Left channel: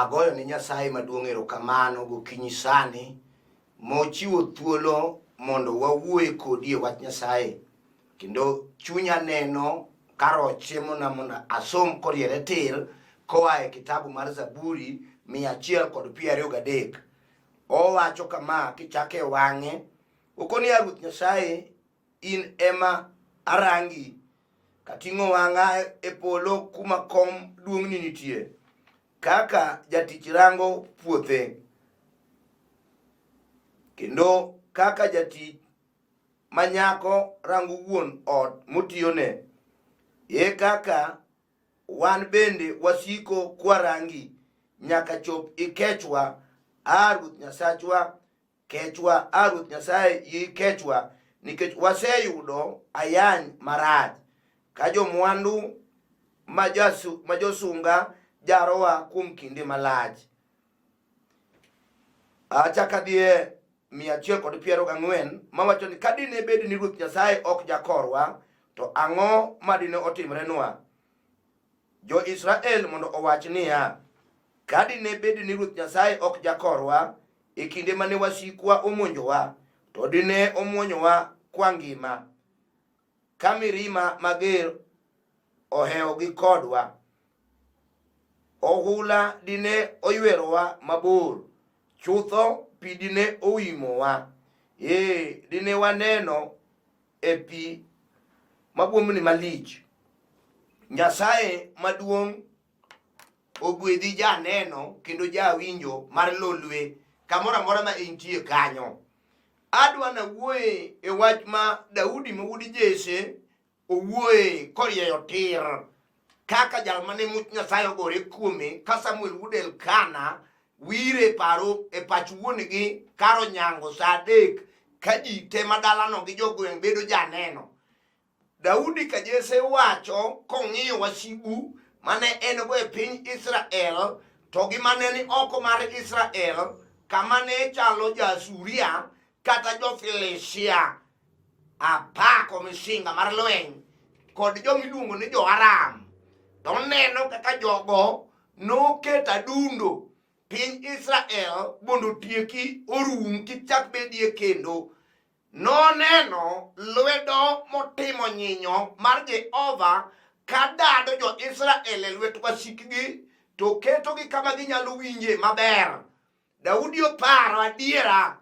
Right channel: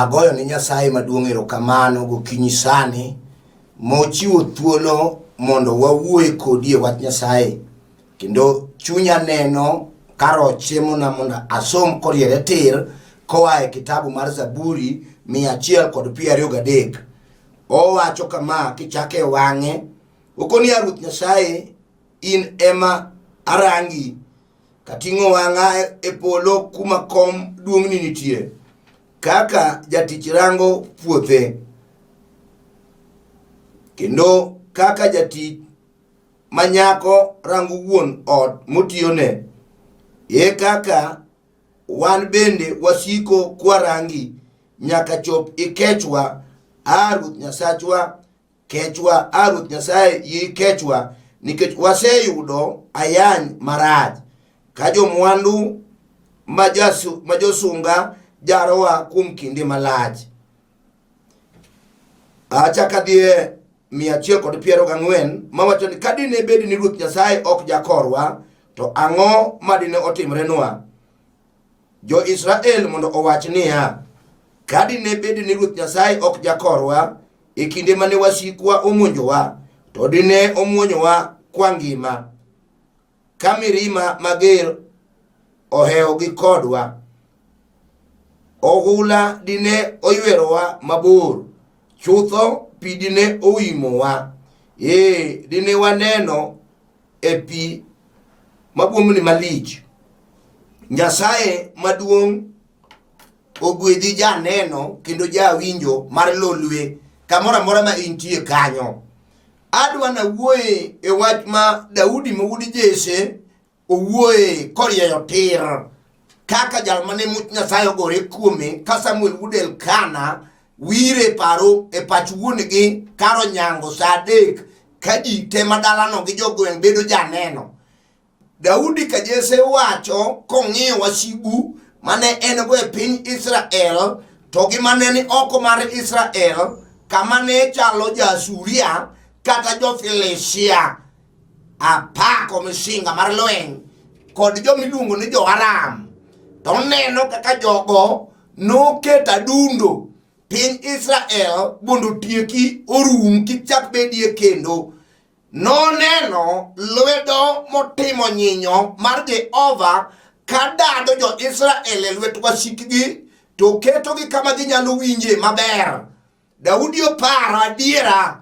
agoyo ni Nyasaye maduong' erokamano gokinyi sani mochiwo thuolo mondo wawuoye kodi e wach Nyasaye, kendo chunya neno karo chiemona mondo asom koriere tir koa e kitabu mar Zaburi 123. Owacho kama kichake wang'e, okoni ya Ruoth Nyasaye in ema arangi, kating'o wang'a e polo kuma kom duong'ni nitie, kaka jatich rango puothe, kendo kaka jatich manyako rango wuon ot motiyone, kaka wan bende wasiko kwarangi nyaka chop ikechwa, Ruoth Nyasachwa, kechwa, Ruoth Nyasaye ikechwa, nikech waseyudo ayany marach, ka jomwandu majosunga jarowa kuom kinde malach. Achaka dhie 140 mawacho ni kadine bedi ni Ruoth Nyasaye ok jakorwa, to ang'o madine otimrenwa? Jo Israel mondo owach niya, kadine bedi ni Ruoth Nyasaye ok jakorwa, e kinde mane wasikwa omonjowa, to dine omuonyowa kwa ngima, ka mirima mager oheo gi kodwa, ohula dine oywerowa mabor, chutho pi dine oimowa, dine waneno e pi mabuomni malich. Nyasaye maduong' ogwedhi janeno kendo jawinjo mar lolwe kamora mora ma intie kanyo. Adwa na wuoye e wach ma Daudi mawuod Jesse owuoye korieyo tir, kaka jal mane much Nyasaye ogore kuome, ka Samuel wuod Elkana wire paro e pach wuongi karo nyango sa 3 ka ji te madalano gi jogweng' bedo janeno. Daudi ka Jesse wacho kong'iyo wasigu mane en go e piny Israel, to gi mane ni oko mar Israel, kama ne chalo Jasuria kata jo Filistia, apako misinga mar lweny kod jo miluongo ni jo Aram, to neno kaka jogo noketo adundo piny Israel mondo tieki orum kichak bedie kendo. Noneno lwedo motimo nyinyo mar Jehova kadado jo Israel e lwet wasikgi, to ketogi kama ginyalo winje maber. Daudi oparo adiera,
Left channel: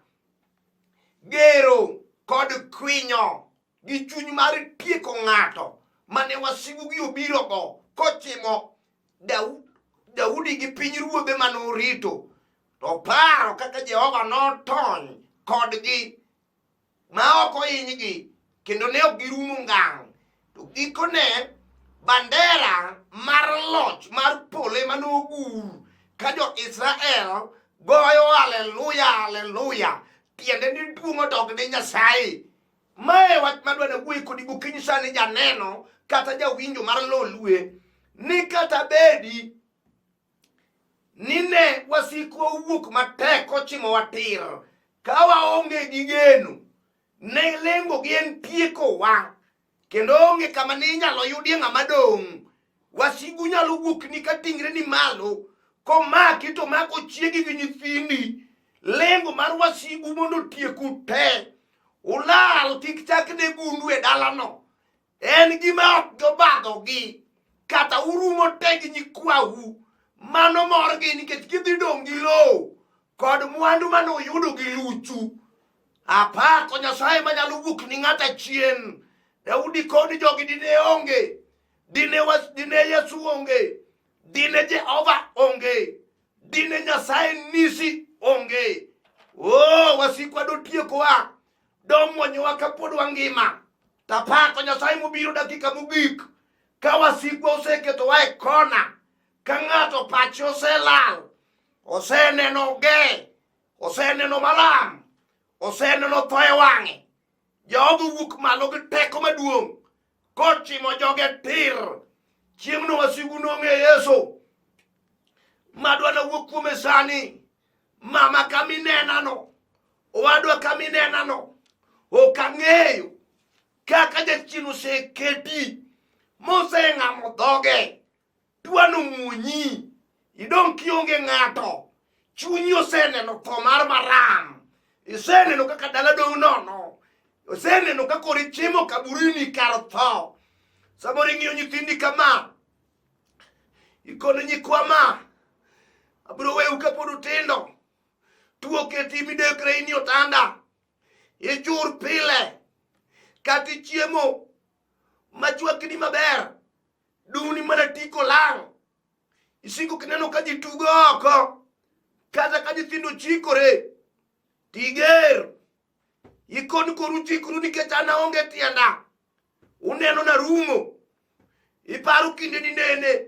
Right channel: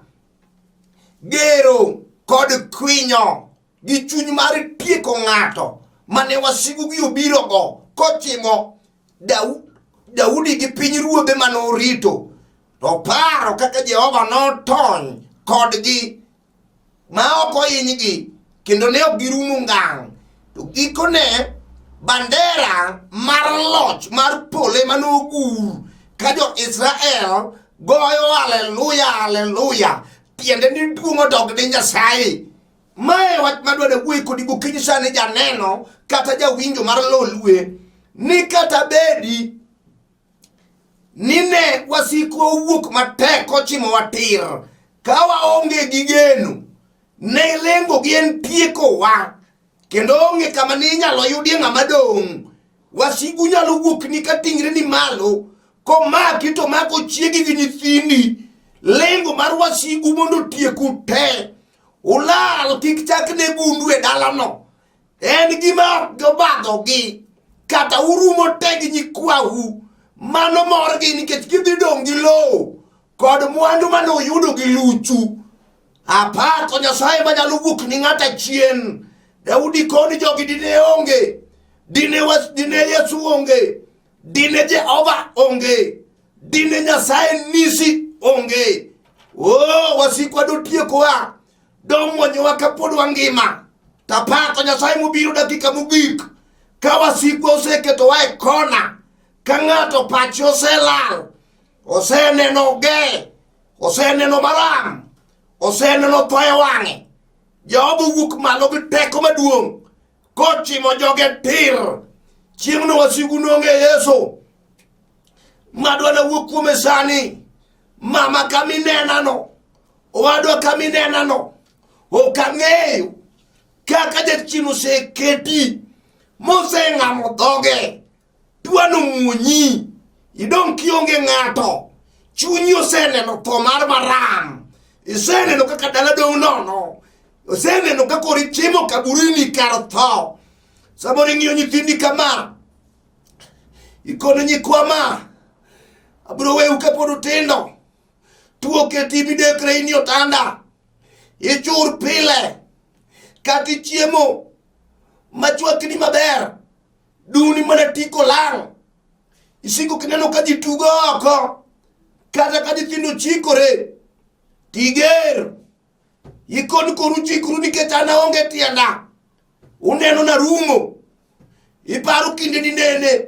gero kod kwinyo gi chuny mar tieko ng'ato mane wasigugi obirogo kochimo Daudi gi piny ruodhe mane orito, to paro kaka Jehova notony kodgi ma ok ohinygi, kendo ne ok girumo ngang'. To gikone bandera mar loch mar pole mane ogur ka jo Israel goyo haleluya haleluya, tiende ni duong' odog ne Nyasaye. Mae wach madwa ne wuoyi kodi gokinyi sani janeno kata jawinjo mar lolwe, ni kata bedi nine wasikwa owuok matek kochimo watir, ka waonge gi geno ne lengo gi en tiekowa, kendo onge kama ni inyalo yudie ng'ama dong'. Wasigu nyalo wuokni ka tingre ni malo, komaki to mako chiegi gi nyithindi. Lengo mar wasigu mondo tieku te, ulal kik chak ne gundu e dalano. En gima ok jobadhogi, kata urumo te gi nyikwahu, mano morgi nikech gidhi dong' gi lowo kod mwandu mane oyudo gi luchu. Apako Nyasaye manyalo wuok ni ng'ata chien. Daudi koni jogi dine onge, dine Yesu onge, dine Jehova onge, dine Nyasaye nisi onge. Wasikwa do tiekowa, do mwonyowa ka pod wangima. Tapako Nyasaye mobiro dakika mogik, ka wasikwa oseketowa e kona, ka ng'ato pache oselal, oseneno ge, oseneno maram, oseneno thoe wang'e. Jehova wuok malo gi teko maduong' kochimo joge tir. Chieng'no wasigu nonge Yesu. Madwa na wuok kuome sani, mama kaminenano, owadwa kaminenano, ok ang'eyo kaka jachien oseketi moseng'amo dhoge, dwano muonyi idong kionge ng'ato, chunyi oseneno tho mar maram, iseneno kaka dala dong nono, oseneno kaka kori chiemo kaburini kar tho. Samoro ing'iyo nyithindi kama, ikono nyikwa ma, abiro weu kapod utindo, tuo keti midekre ini otanda, ichur pile, kati chiemo, machwakni maber, duni mana tiko lang, isiko kineno ka ji tugo oko, kata ka nyithindo chikore, tiger, ikon koru chikru nikech an aonge tienda, uneno na rumo, iparo kinde ni nene,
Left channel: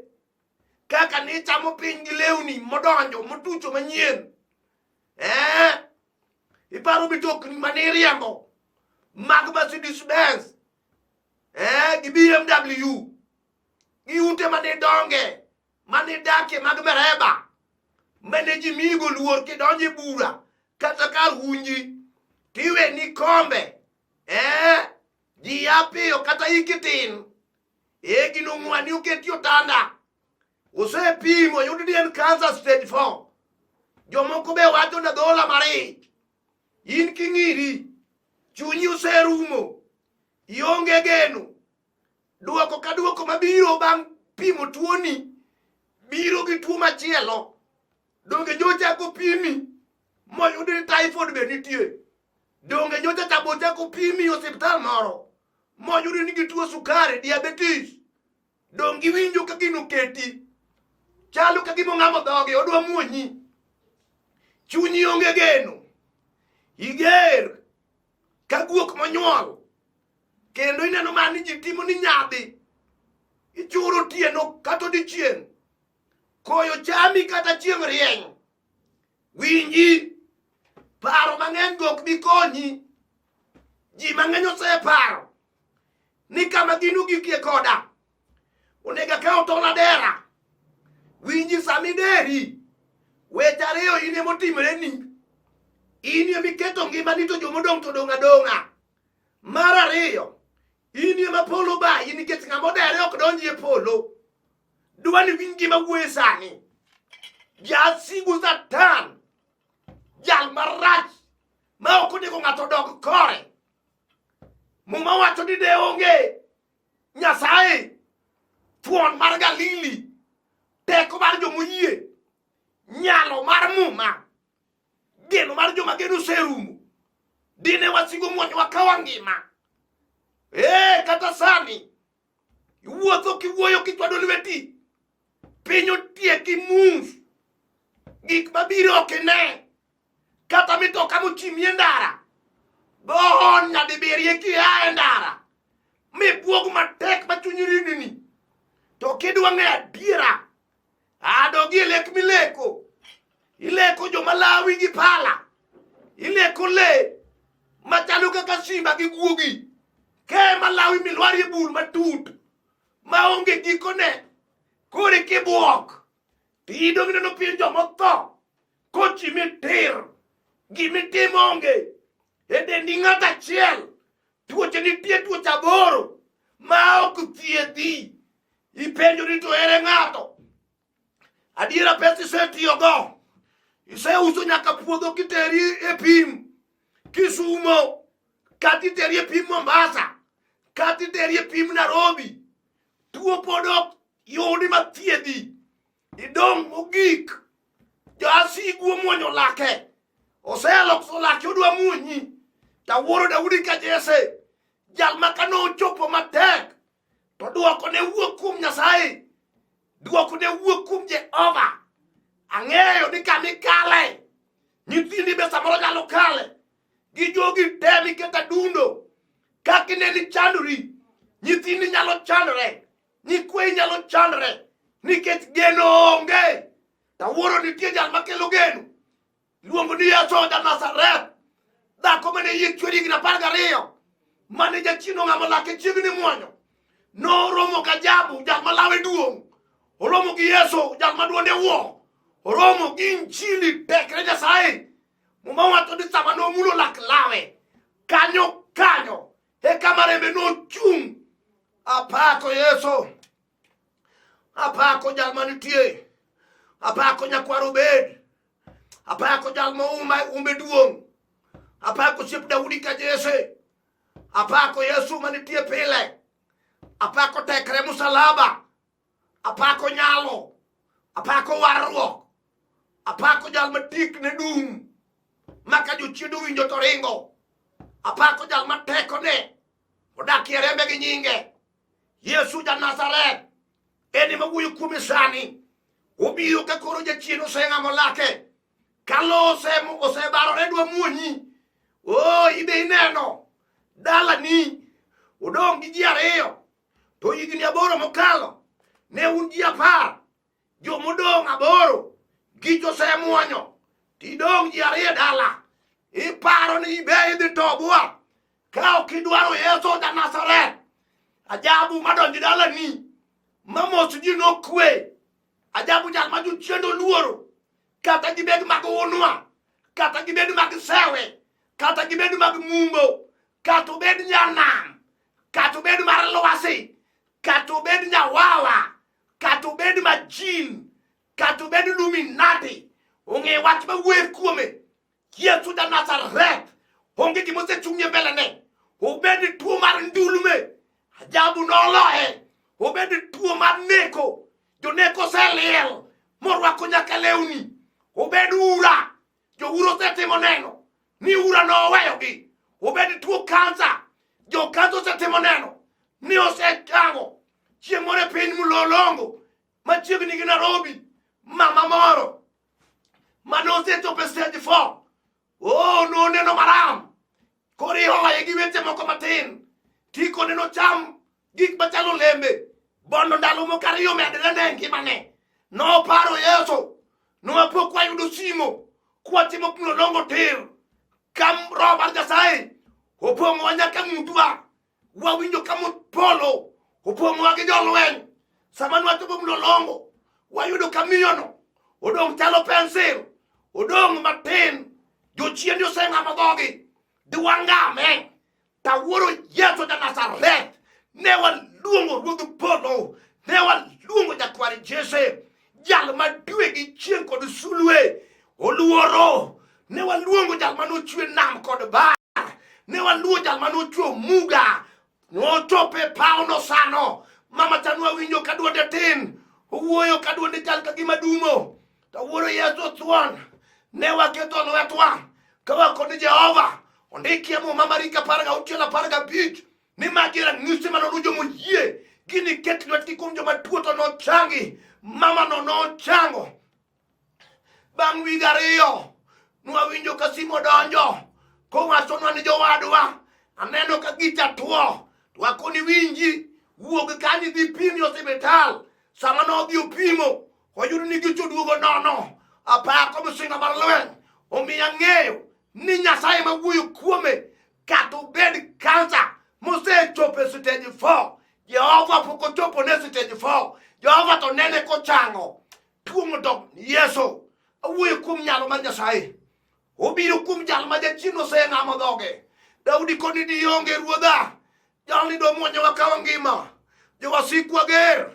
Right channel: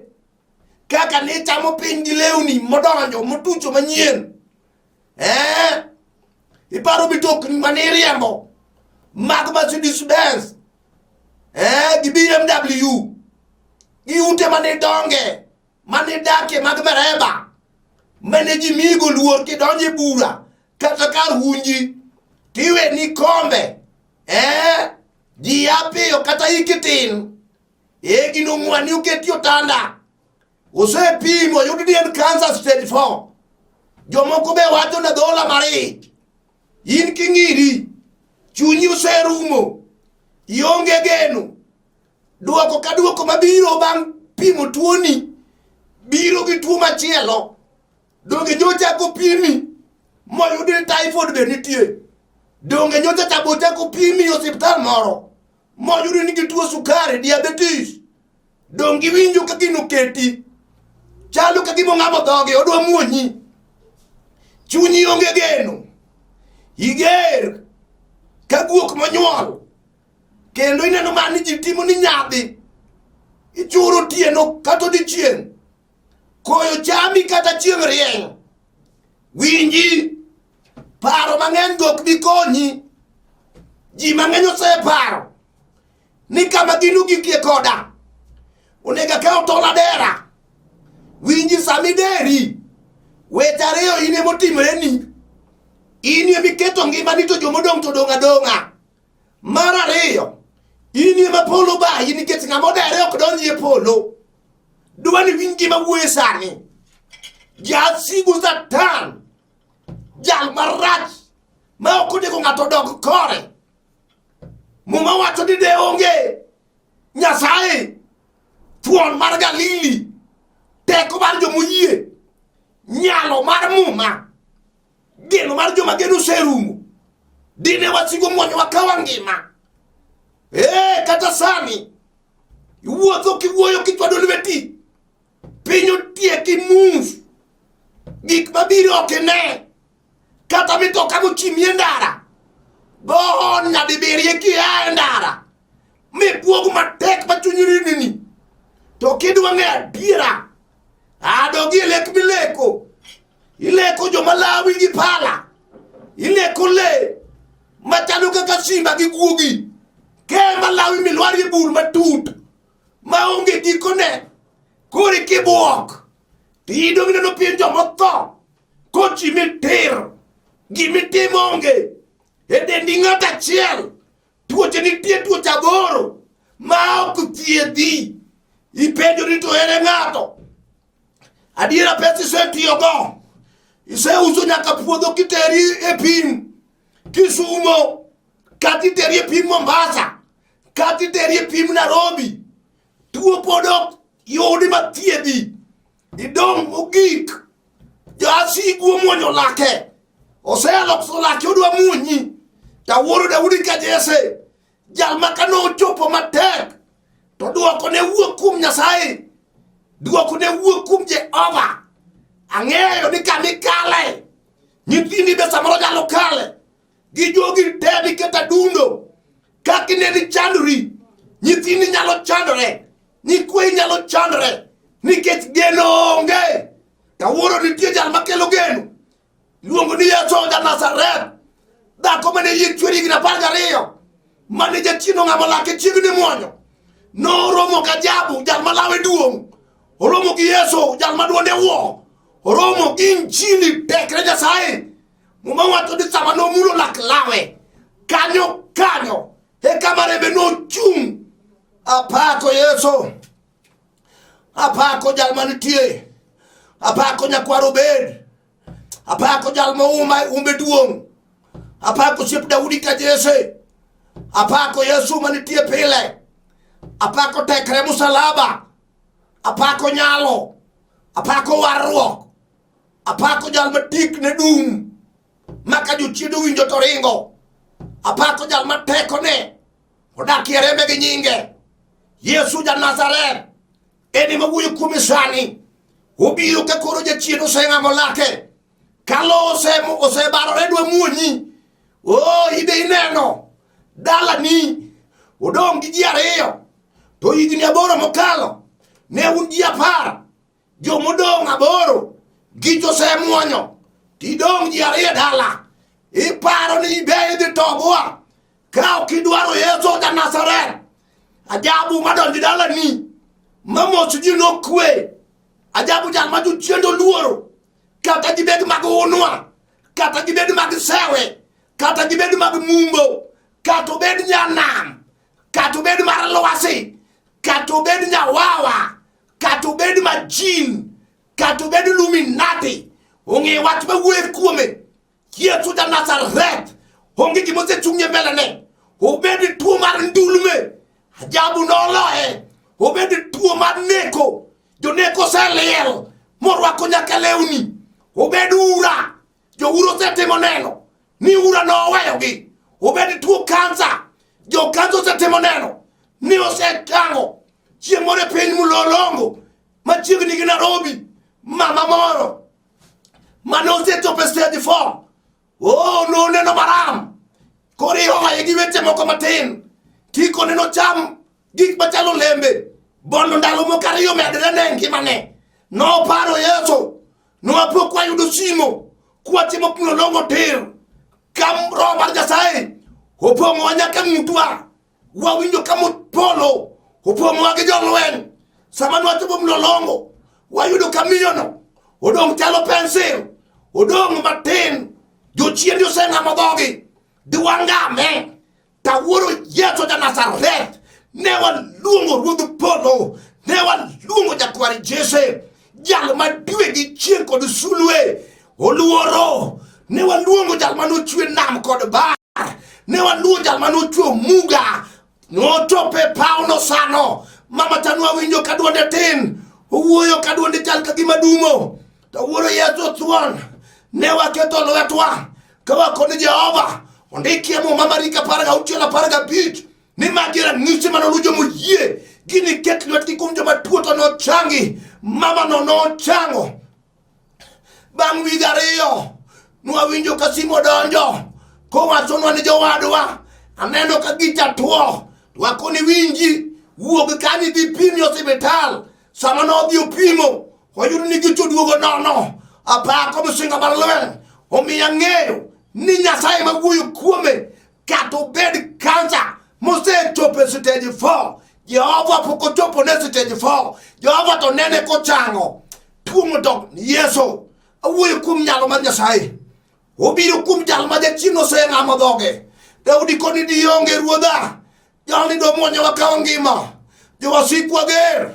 kaka ne chamo piny gi lewni modonjo motucho manyien, iparo mitokni mane riembo, mag Mercedes Benz, gi BMW, gi ute mane donge, mane dake mag mereba, mane ji migo luor kidonje bura, kata kar hunji, tiwe ni kombe, ji apio kata ikitin, gino mwani uketi otanda, ose pimo yudi ni en cancer stage 4, jomoko be wacho na dola mari, in king'iri, chunyi userumo, ionge geno, duoko ka duoko mabiro bang' pimo tuoni, biro gi tuo machielo, donge nyocha ko pimi, moyudi ni typhoid be nitie, donge nyocha tabocha ko pimi osiptal moro, moyudi ni gi tuo sukari, diabetes, donge winjo ka gino keti, chalo ka gimo ng'amo dhoge, odwa muonyi, chunyi onge geno, iger ka guok monyuol, kendo ineno mani ji timo ni nyadhi, ichuro tieno kata odichieng', koyo chami kata chieng' rieny, winji, paro mang'eny gok bi konyi, ji mang'eny oseparo, ni kama gino gikie koda, onega kao tola dera, winji sami deri, weche ariyo ine motimreni, inie miketo ngimani to jomodong' to dong' adong'a. Mar ariyo, inie ma polo bayi nikech ng'ama odere ok donji e polo, dwani winj gima wuoye sani, jasigu Satan, jal marach, ma ok onego ng'ato dog kore, muma wacho ni de onge Nyasaye, thuon mar Galili, teko mar jomoyie, nyalo mar muma, geno mar joma geno serumo, dine wasigo mwonyo wakawa ngima. Kata sani, iwuotho kiwuoyo kichwado lweti, pinyo tieki mus, gik mabiro okine, kata mitoka mochimie ndara, bon nyadibirie kia ndara, mibuogu matek machunyiri, to kidwa ng'e adiera, adogi lek mileko, ileko joma lawi gi pala, ileko le, machalo kaka simba gi guogi, kema lawi milwari e bur matut, maonge gikone, kore kibuok, tidong' neno pien jomotho, kochi mitir, gimitimo onge, dendi ng'at achiel, tuoche nitie tuoche aboro, ma ok thiedhi, ipenjo ni to ere ng'ato, adiera pesa isetiyogo, iseuso nyaka puodho kiteri e pim, Kisumo, kati teri e pim Mombasa, kati teri e pim Nairobi, tuo podok yodi mathiedhi, idong' mogik, jasigu mwonyo lake, oselokso lake odwa muonyi, tawuoro Daudi ka Jesse, jal makano chopo matek, to duoko ne wuok kum Nyasaye, duoko ne wuok kum Jehova, ang'eyo ni kamikale, nyithindi be samoro jalo kale, gi jogi tebi keta dundo, kakineni chandori, nyithindi nyalo chandore, nyikwe nyalo chandore, nikech geno onge, tawuoro nitie jal makelo geno, luongo ni Yesu ja Nazareth, dhako mane yie chweri gi 12, mane jachino ng'ama lake chiegni mwonyo, no romo ka Jabu, jal malawe duong', oromo gi Yesu, jal maduonde wuo, oromo gi Injili tekre Nyasaye, muma wacho ni sama nomulo lak lawe, kanyo, kama rembe nochung', apako Yesu, apako jal manitie, Apako nyakwaro bed. Apako jal ma umbe duong. Apako siep Daudi ka Jesse. Apako Yesu manitie pile. Apako tekre musalaba. Apako nyalo. Apako warruok. Apako jal matik ne dum. Maka jochiedo winjo to ringo. Apako jal mateko ne. Odak rembe gi nyinge. Yesu ja Nazareth. Eni mawuoyo kuome sani. Obiro ka koro jachien oseng'amo lake. Kalo osebarore dwa muonyi. Ibe ineno. Dala ni. Odong gi ji ariyo. To higni 8 mokalo. Ne un ji 10. Jo modong 8. Gi josemuonyo. Tidong ji 2 dala. Iparo ni ibe idhi togwa. Ka ok idwaro Yesu ja Nazareth. Ajabu madonji dala ni. Mamos ji no kwe. Ajabu jal ma jochiendo luoro. Kata gibed mag unwa. Kata gibed mag sewe. Kata gibed mag mumbo. Kata bed nyanam. Kata bed mar lwasi. Kata bed nyawawa. Kata bed majin. Kata bed luminati. Onge wach mawuoyo kuome. Yesu ja Nazareth. Onge gimose chung'e mbele ne. Obed tuo mar ndulme. Ajabu noloe. Obed tuo mar neko. Joneko seliel. Morwako nyaka lewni. Obed ura. Jo uro setimo neno. Ni ura noweyogi. Obed tuo kansa. Jo kansa setimo neno. Ni osekango. Chieng' moro e piny mulolongo. Machiegni gi Nairobi. Mama moro. Mane osechopo e stage 4. Noneno maram. Koro ihoye gi weche moko matin. Tiko neno cham gik machalo lembe. Bono ndalo moko 2 medre ne ngimane. Noparo Yesu. Nowapo kwayudo simo. Kwatimo mulolongo tir. Kam Roho mar Nyasaye. Opong'owa nyaka ng'utwa. Wawinjo kamopolo. Opong'owa gi jolweny. Sama nwachopo mulolongo. Wayudo kamiyono. Odong' chalo pensil. Odong' matin. Jochien oseng'amo dhogi. Dwangame. Tawuoro Yesu ja Nazareth. Ne waluongo Ruodh Polo. Ne waluongo Jakwar Jesse. Jal madwe gi chieng' kod sulwe. Oluoro. Ne waluongo jal manochwe nam kod bar. Ne waluongo jal manochwe muga. Nochope pauno sano. Mama tanwa winjo kaduonde tin. Owuoyo kaduonde chal kagima dumo. Tawuoro Yesu thuon. Ne waketo lwetwa. Kawakone Jehova. Ondikie mo Mariko 16:15. Ni magiera ng'isi manolujo moyie. Gini ket lwetgi kuom joma tuo to nochangi. Mama no chango. Bang' wige 2. Nwawinjo ka simo donjo. Kowachonwa ni jowadwa. Aneno ka gita tuo. Wakoni winji. Wuog kanyi dhi pimi osiptal. Sama nodhi opimo. Oyudo ni gicho duogo nono. Apako msinga mar lweny. Omiya ng'eyo ni Nyasaye mawuoyo kuome. Kata obed kansa mosechopo e stage 4. Jehova pok ochopo ne stage 4. Jehova to nene kochango. Tuo modok Yesu. Awuoyo kuom nyalo mar Nyasaye. Obiro kuom jal ma jachien oseng'amo dhoge. Daudi koni dionge ruodha. Jalni do mwonyo wakawa ngima. Jowasikwa ger.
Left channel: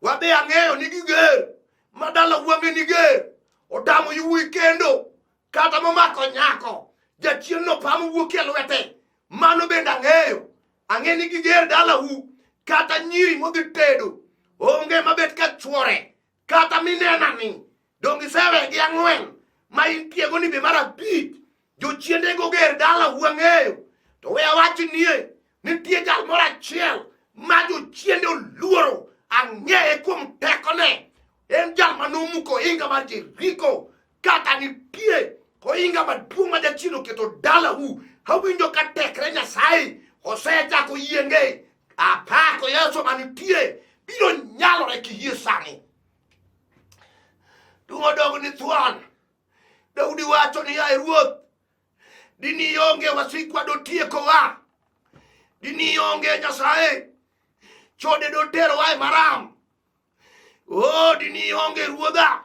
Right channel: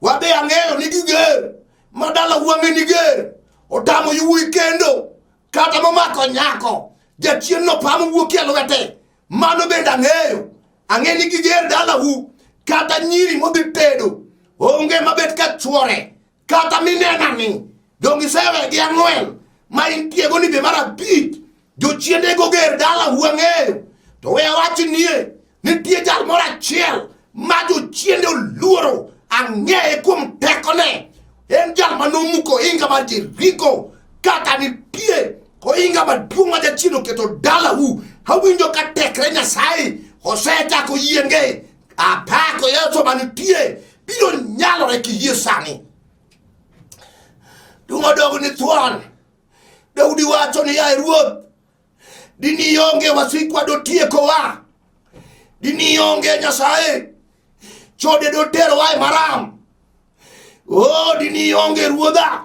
Wabe ang'eyo ni giger. Madala wang'e ni ger. Otamo yuwi kendo. Kata momako nyako. Jachien no pamo wuokie lwete. Mano bende ang'eyo. Ang'e ni giger dala hu. Kata nyiri modhi tedo. Onge mabet ka chwore. Kata minena ni. Dongi sewe gi 4. Ma intiego ni be mar 5. Jochiende go ger dala hu ang'eyo. To we awachi nie. Nitie jal moro achiel. Ma jochiende oluoro. Ang'eye kuom tekone. En jal manomuko inga mar Jeriko. Kata nitie oinga maduong' ma jachien oketo dala hu. Awinjo ka tekre Nyasaye osechako yienge. Apako Yesu manitie. Biro nyalore kiyie sani. Dungodogo ni thuon. Daudi wacho ni yae Ruoth. Dini ionge wasikwa do tiekowa. Dini ionge Nyasaye. Chode do tero wae maram. Dini ionge Ruodha.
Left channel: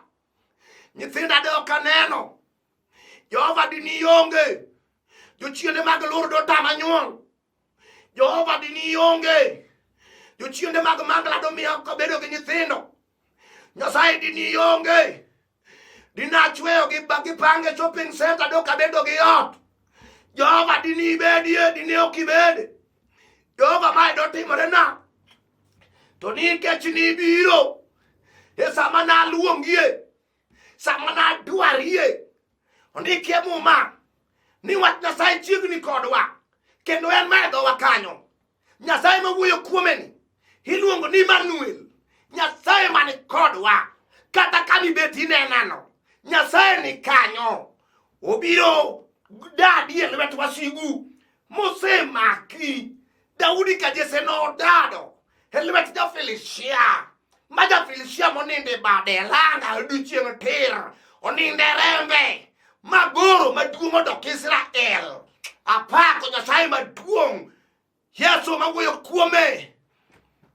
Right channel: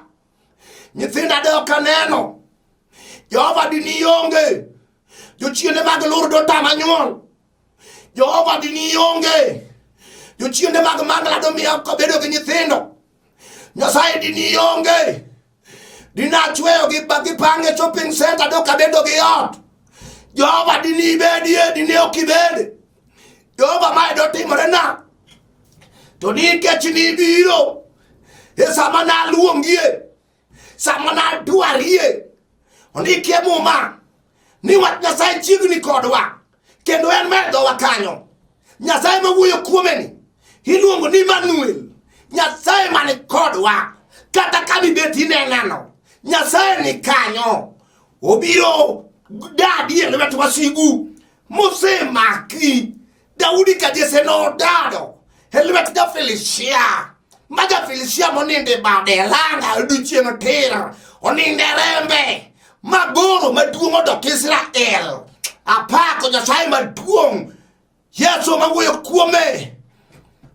Nyithinda do kaneno. Jehova dini ionge. Jochiende mag lur do tama nyuol. Jehova dini ionge. Jochiende mag mangla do miyo ko bedo gi nyithindo. Nyasaye dini ionge. dina chweyo gi pange shopping center do kabedo gi ot Jehova dini bedie dini okibede Jehova mae do timore na to ni kechini biro sama na luongie sama na dwarie oni kemo ma ni wat Nyasaye chiegni kodwa kendo en medo wakanyo Nyasaye mawuoyo kuomeni iluongo ni Manuel Nyasaye mani kodwa kata kami beti neng'ano Nyasaye ni kanyo obiro dadi ele wetu wasigu Mose maki Daudi kajese no dado ele wetu da Felicia maja Felicia moninde badelanga uduchie matera oninde rembe magoro maduong do Israel apako Nyasaye maduong Yesu mawuoyo kuome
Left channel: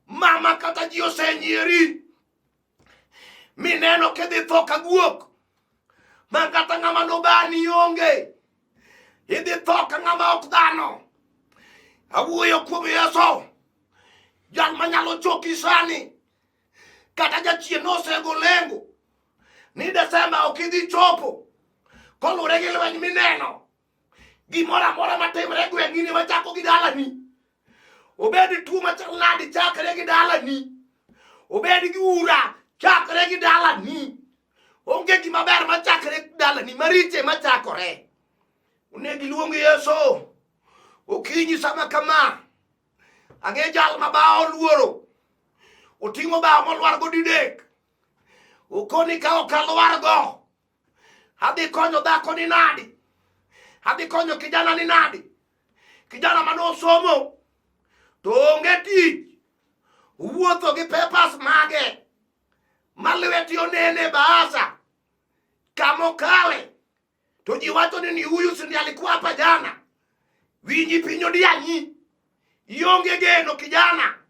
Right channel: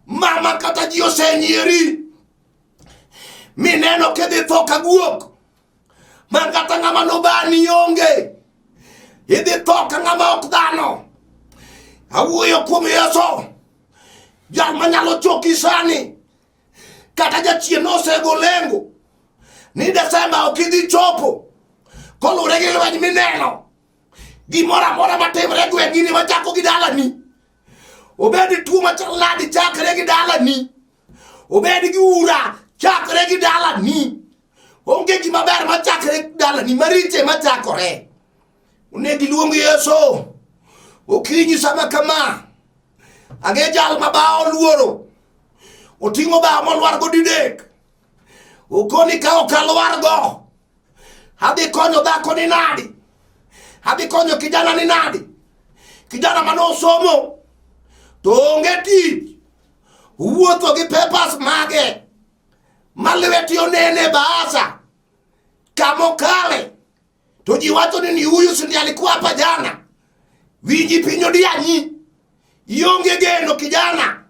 mama kata ji osenyiri mineno kedhi tho kaguok mangata ng'ama nobani onge idhi tho ka ng'ama ok dhano awuoyo kuom Yesu jal manyalo choki sani kata jachien osego lengo ni Desemba ok idhi chopo kolure gi lweny mineno gimoro amora matimre gweng'ini machako gi dalani obedi tuo machal nadi chakre gi dalani obedi gi ura chakre gi dalani onge gima ber machakre gi dalani mariche machakore onegi luongi Yesu okinyi sama kama age jal mabao luoro oting'o bao molwar go didek okoni ka okalwar go adhi konyo dhako ni nadi adhi konyo kijana ni nadi kijana manosomo to onge tich wuotho gi papers mage malweti onene baasa kamokale to ji wacho ni huyu sindi alikuwa hapa jana winji pinyo dianyi ionge geno kijana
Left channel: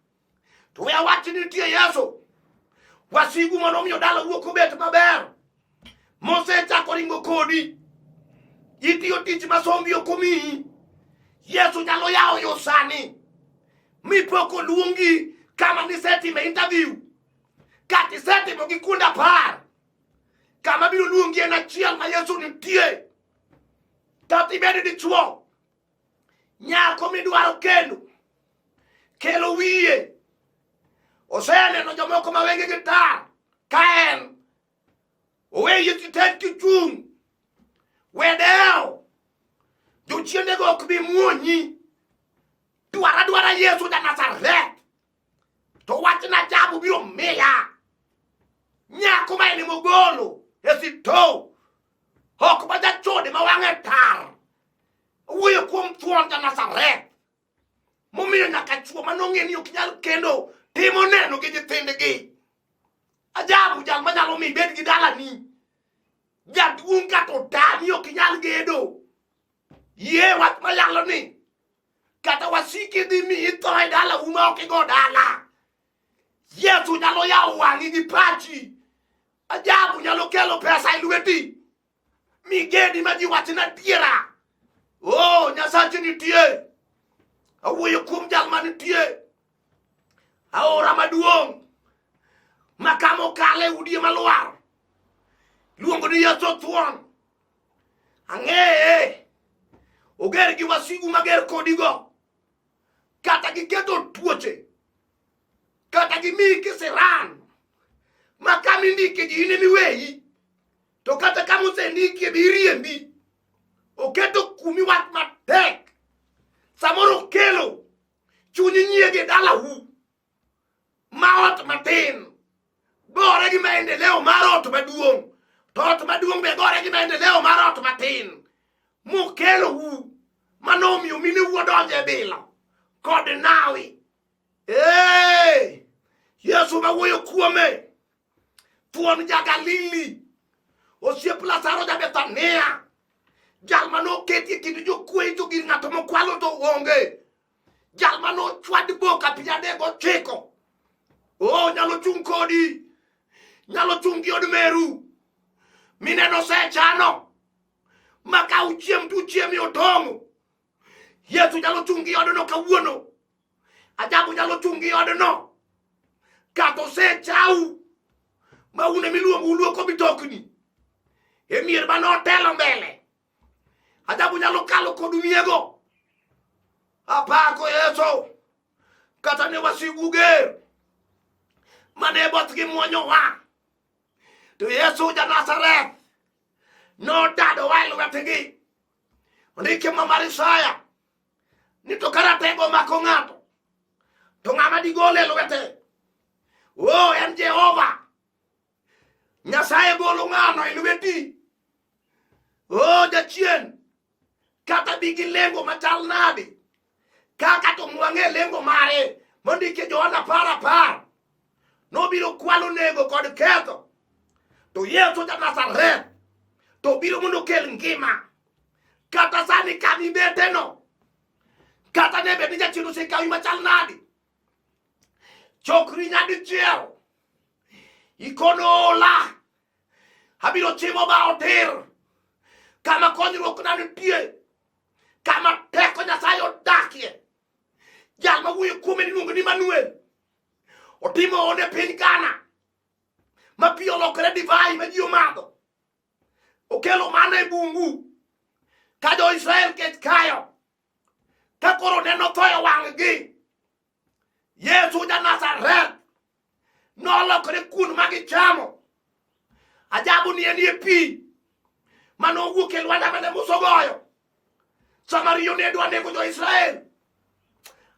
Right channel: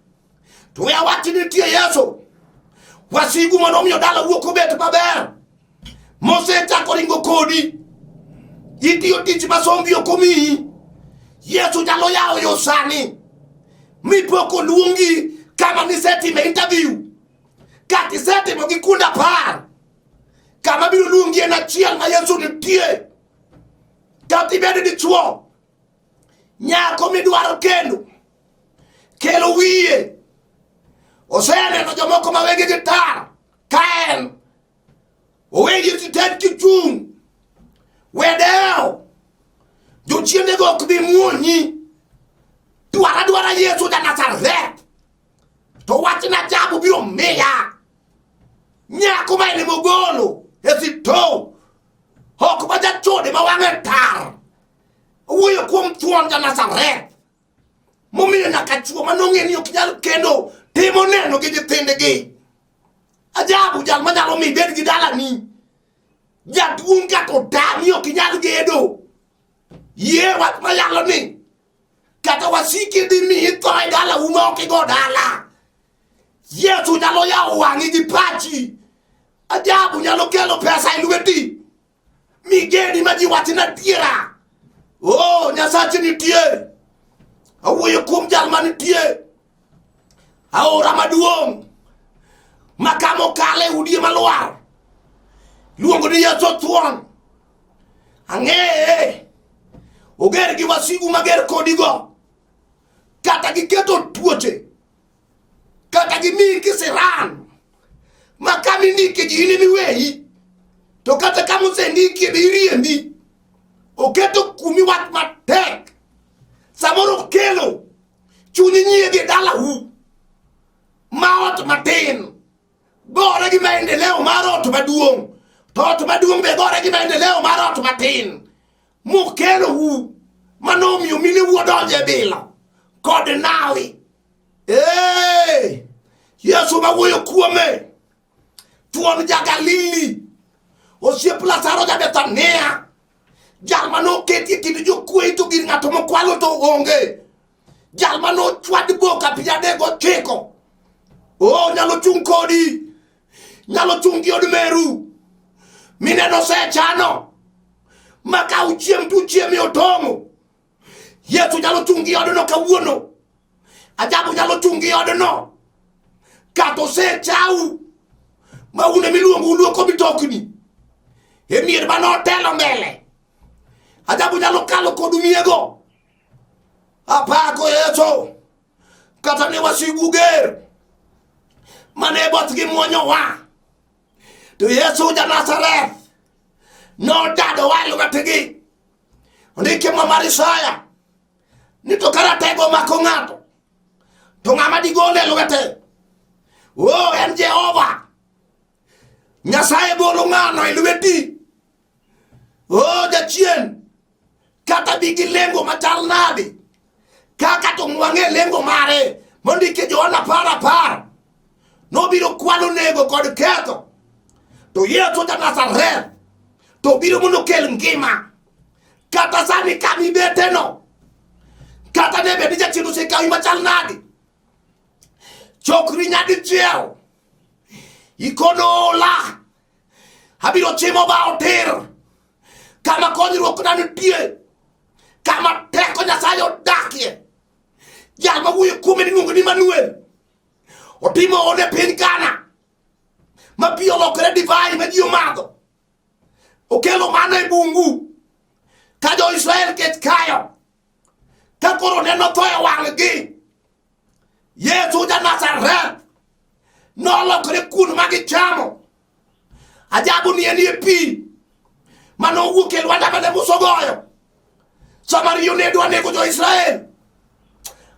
to ya wati nitie Yesu wasigu monomio dala wuoko bet maber Mose chako ringo kodi itiyo tich masombi okomi Yesu jalo yao yosani mipoko luongi kama ni setime interview kati setime gikunda par kama biro luongi en achiel ma Yesu nitie kati bede dichuo nyako midwaro kendo kelo wiye oseneno jomoko mawege gitar kaen oweye tited kichung wedeo jochiende go okbi muonyi dwara Yesu ja Nazareth to wachina jabu biro miya nyako maene mogolo esito hok baja chode mawang'e tar owuoyo kuom thuon ja Nazareth momiyo nyaka chuo manong'e ni ok nyal kendo timo neno gi nyithindgi ajabu jal manyalo mi bed gi dalani jaduong' ka to tami ok nyal gedo yie wach mayalo ni kata wasiki di mi itho e dala uma ok go dala Yesu nyalo yawo wang'i gi pachi ajabu nyalo kelo pesa e lweti migeni ma ji wachna tiera oh Nyasache nitie awuoyo kuom jal manitie aora maduong' makamo kale udie malwar luongo ni Yesu thuon ang'eye oger gi wasigu mager kodigo kata giketo tuoche kata gimi kisiran makami ndike ji ini miweyi to kata kama usendike biriembi oketo kumi wat matek samoro kelo chunyi nyiege dala hu maot matin gore gi maendeleo mar ot maduong' to ot maduong' be gore gi maendeleo mar ot matin mokelo hu manomiyo mine wuodonje bilo kod nawi Yesu mawuoyo kuome thuon ja Galili osiep Lazaro ja Bethania jal mano ketie kind jokwe to gir ng'ato mokwalo to onge jal mano chwad boka pinyadego chiko nyalo chung kodi nyalo chung gi od meru mineno sechano maka uchiem tu chiemi otomo Yesu nyalo chung gi odno kawuono ajabu nyalo chung gi odno kato sechau maune miluongo uluoko mitokni e mier manotelo mbele ajabu nyalo kalo kod miego apako Yesu kata ne wasigu ger mane bothgi muonyo wa to Yesu ja Nazareth no dado wa lwetgi ndike mar Isaya ni to karatego mako ng'ato to ng'ama digole lwete en Jehova Nyasaye golo ng'ano e lweti jachien kata bigi lengo machal nade kaka to mwang'e lengo mare mondike Johana 10:10 nobiro kwano nego kod ketho to Yesu ja Nazareth to biro mondo kel ngima kata sani kami beteno kata ne bedi jachien osekawi machal nade chokri nyadi chiel ikono la habiro chimo ba otir kama konyruok na nitie kama teko Nyasaye odakie jal ma wuoyo kuome ni iluongo ni Manuel otimo one piny Ghana ma pi olokore divai ma ji omadho okelo mana e bungu ka jo Israel kech kayo ka koro neno tho e wang'gi Yesu ja Nazareth nolokore kun ma gichamo ajabu ni enie pi mano wuok e lwanda mane Musa ogoyo Samaria ne dwa nego jo Israel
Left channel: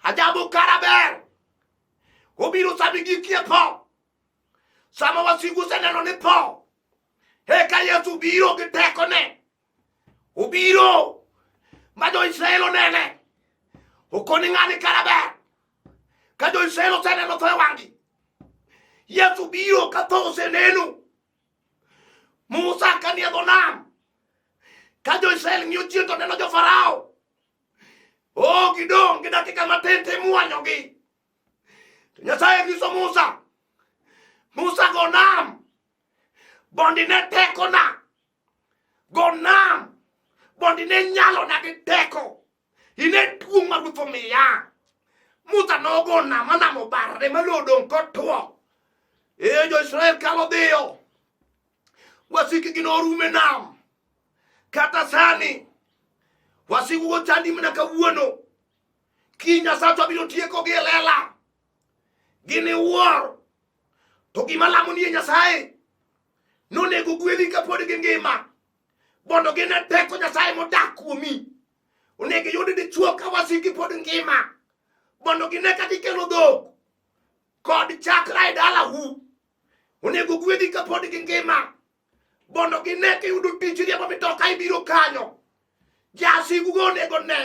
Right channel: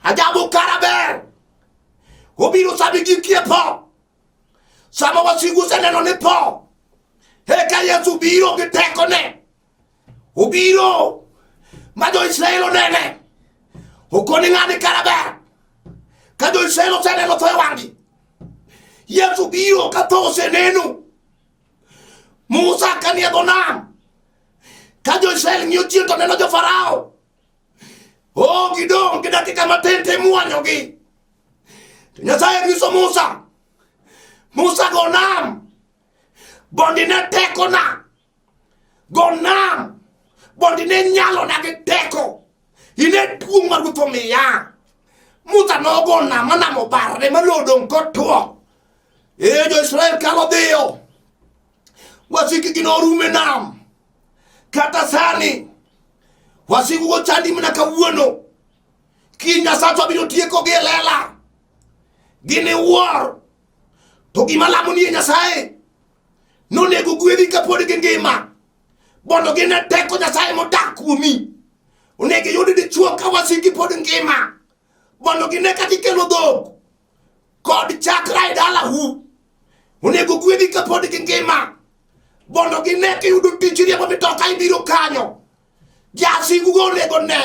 ajabu karaber obiro sabi gikie po sama wasigu seneno ni po ka Yesu biro gi tekone obiro ma jo Israel onene okoni ng'ani karaber ka jo Israel oseneno tho e wang'gi Yesu biro ka tho oseneno Musa kanie dho nam ka jo Israel ng'iyo chien to neno jo Farao gidong gi dakika matin te muonyogi to Nyasaye nyiso Musa go nam bondi ne tekona go nam bondi ne nyalo na gi teko ine tuong' mar Ruoth omiya Musa nogo nam manamo barre malodong kotwo jo Israel kalo dhiyo wasikgi norume nam kata sani wasigu go chandi mana kawuono ki Nyasaye biro tieko gi lela gini war to gima lamo ni Nyasaye nonego gwedhi kapod gi ngima bondo gine teko Nyasaye modak kuomi onego yudi dichuo ka wasiki pod ngima bondo gine kati kelo dhok kod chakra e dalahu onego gwedhi kapod gi ngima bondo gine kiyudo tich riembo mitoka ibiro kanyo jasigu go onego ne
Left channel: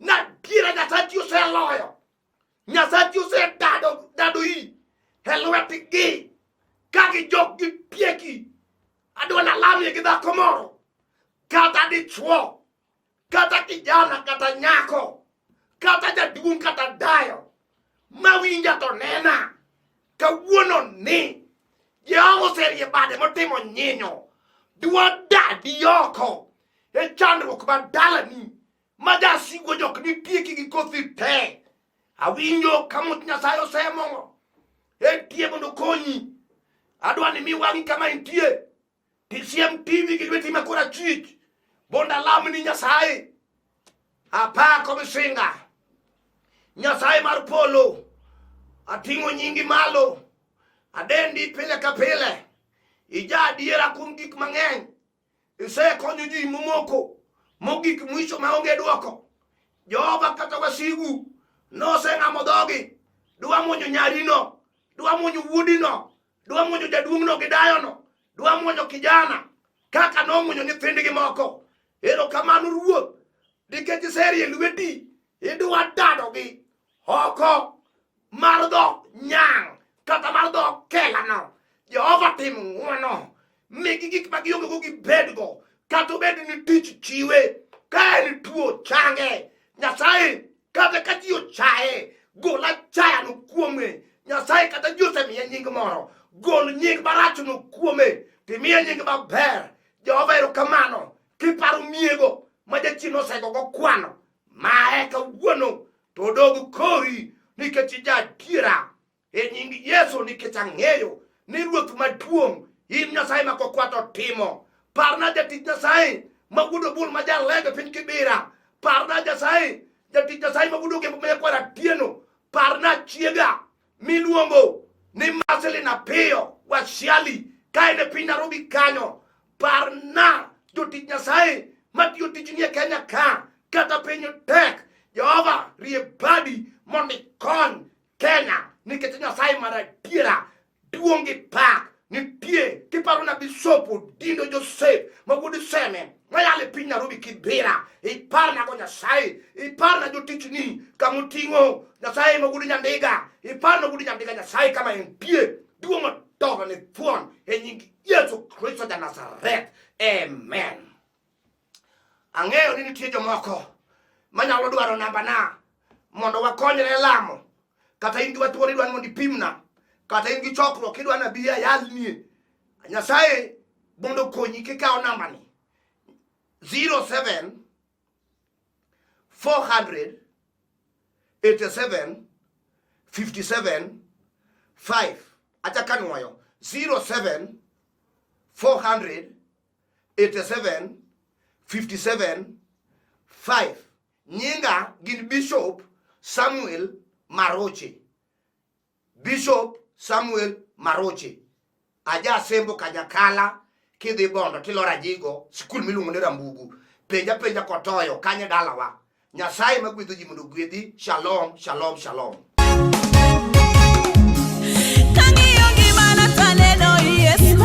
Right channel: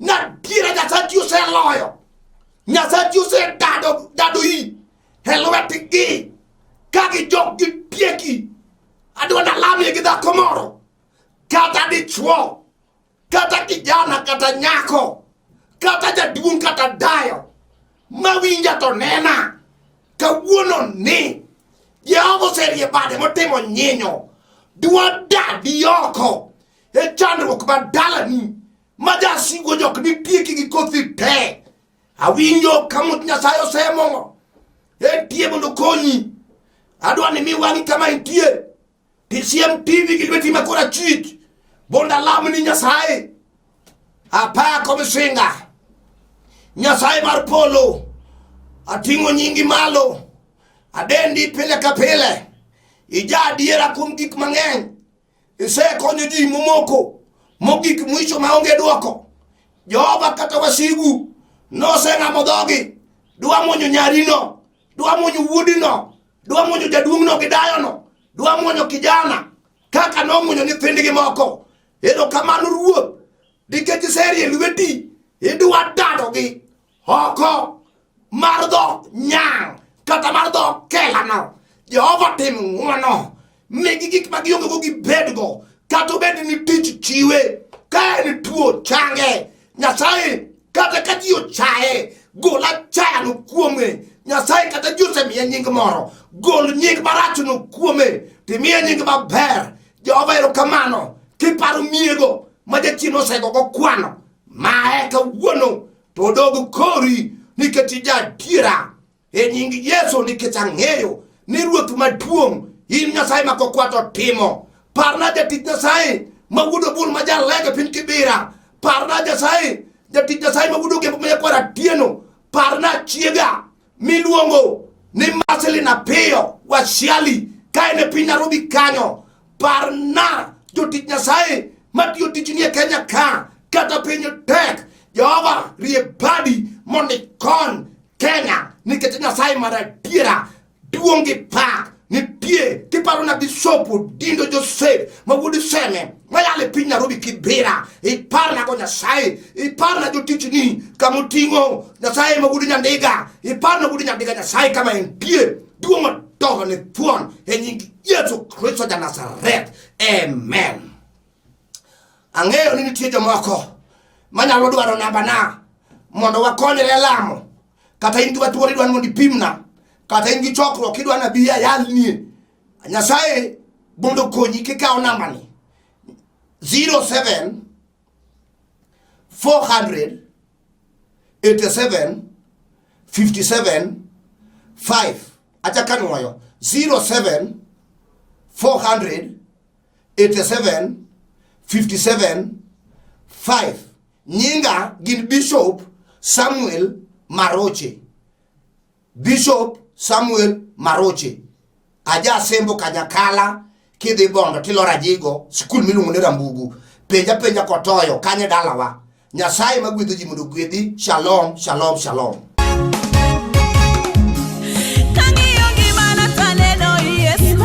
na diere Nyasaye oseloyo Nyasaye osedado yi e lwetgi ka gijok gi tieki adwa nalamie gi dhako moro kata dichuo kata kijana kata nyako kata jaduong' kata dayo mawinja to nena kawuono ni Jehova oserie bade motimo nyinyo dwa dadi oko e chandruok ma dalani ma jasigu jok ni tieki gi kothi te awinjo kama Nyasaye osemong'o tie mondo konyi adwa ni mi wang'i kama intie tisiem TV gi lweti ma korachwich bonda lamni Nyasaye apako misinga Nyasaye mar polo ating'o nyingi malo adendi pile ka pile ija adiera kuom gik mang'eny isekonyo ji momoko mogik mwisho maonge dwoko Jehova kata wasigu noseng'amo dhogi dwa mwonyo nyarino dwa mwonyo wuodino dwa mwonyo jaduong'no gi dayono dwa mwonyo kijana kaka nomwonyo nyithindgi moko erokamano Ruoth nikech iserie lweti idwa dadogi oko mar dho nyang' kata mar dho kelano Jehova tim ng'wono migi gik ma gionge go gibedgo kata obed ni tich chiwe ka en tuo change Nyasaye kata ka ji ochaye gol achayano kuome Nyasaye kata ji osemiye nying moro gol nying marachno kuome timiye nying maber Jehova erokamano kiparo miego ma jachien osegogo kwano mae kawuono to odog kori nikech ijadiera e nying Yesu nikech ang'eyo ni Ruoth maduong' in Nyasaye ma kokwato timo parna jatich Nyasaye magudo bul majar lega piny Kibira, parna Nyasaye jatich Nyasaye magudo gembo manyakwara tieno, parna chiega miluongo ni Marcelina Peyo Washiali kaene piny Nairobi kanyo, parna jotich Nyasaye matiyo tich nie Kenya ka kata piny tek, Jehova rie badi mondo ikony Kenya nikech Nyasaye maradiera duongi pak nitie. Kiparo na Bishop Dindo Joseph Magudu Seme mayale piny Nairobi Kibira, iparna go Nyasaye, iparna jotich ni kamutingo Nyasaye Magudu Nyandiga, iparna Magudu Nyandiga Nyasaye kama entie duongo toho ni thuon e nying Yesu Kristo ja Nazareth, amen. Ang'eyo ni nitie jomoko manyalo dwaro namba na mondo wakonyre lamo, kata in gi watuore idwani mondo ipimna, kata in gi chokruok idwani abi ayalnie. Nyasaye mondo konyi kikawo namba ni 07 400 87 57 5. Acha kanwoyo 07 400 87 57 5. Nyinga gin Bishop Samuel Maroche. Bishop Samuel Maroche. Aja sembo Kanyakala kidhi Bondo tilora jigo skul miluongo ni Rambugu. Penja kotoyo kanye dalawa. Nyasaye magwedho ji mondo gwedhi. Shalom, shalom, shalom. Kangiyo gimana taneno Yesu,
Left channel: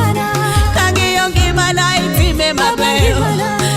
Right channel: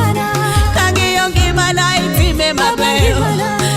kangiyo gimana itime mabeyo.